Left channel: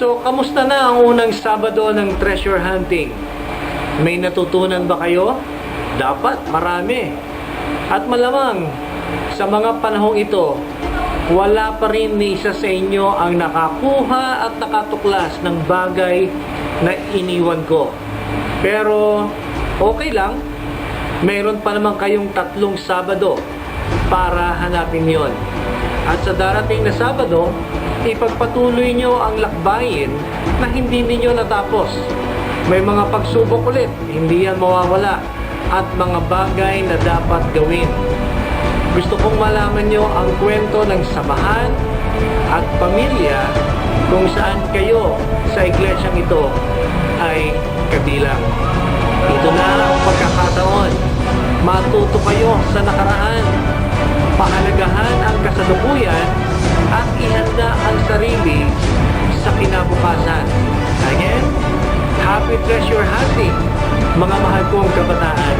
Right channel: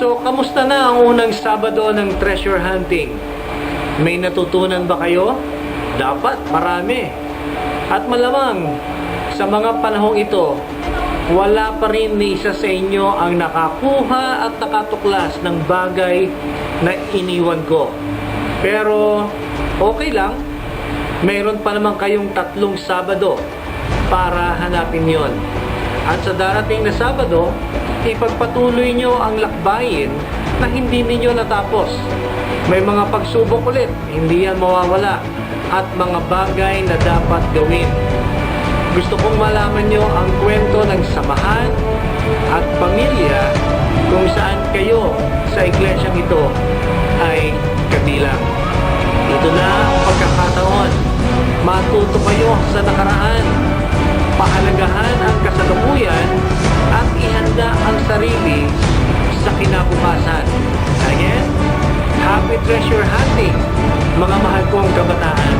So, kamusta na ang unang Sabado ng treasure hunting? May natutunan ba kayo? Dapat marami. At malamang, sa mga panahong ito, wala pa rin ni isa sa inyo ang nakakuha at nakatuklas ng bagay na iniwan ko. Pero, okay lang. Mayroon pa naman kayong 3 Sabado para hanapin yon. At sa darating na Sabado, ipagpatuloy nyo ang lakbayin na hindi ninyo natapos. May mga pagsubok ulit, hindi yan mawawala, at mga bagay na dapat gawin. Gusto kong malaman nyo ang kwento ng samahan at pamilya kung saan kayo sa iglesyang ito ay kabilang. Ito na ang pagkakataon. Matuto kayo sa nakaraan. Pahalagahan ang kasalukuyan at ihanda ang sarili sa kinabukasan. Again, happy treasure hunting, mga mahal kong kabataan.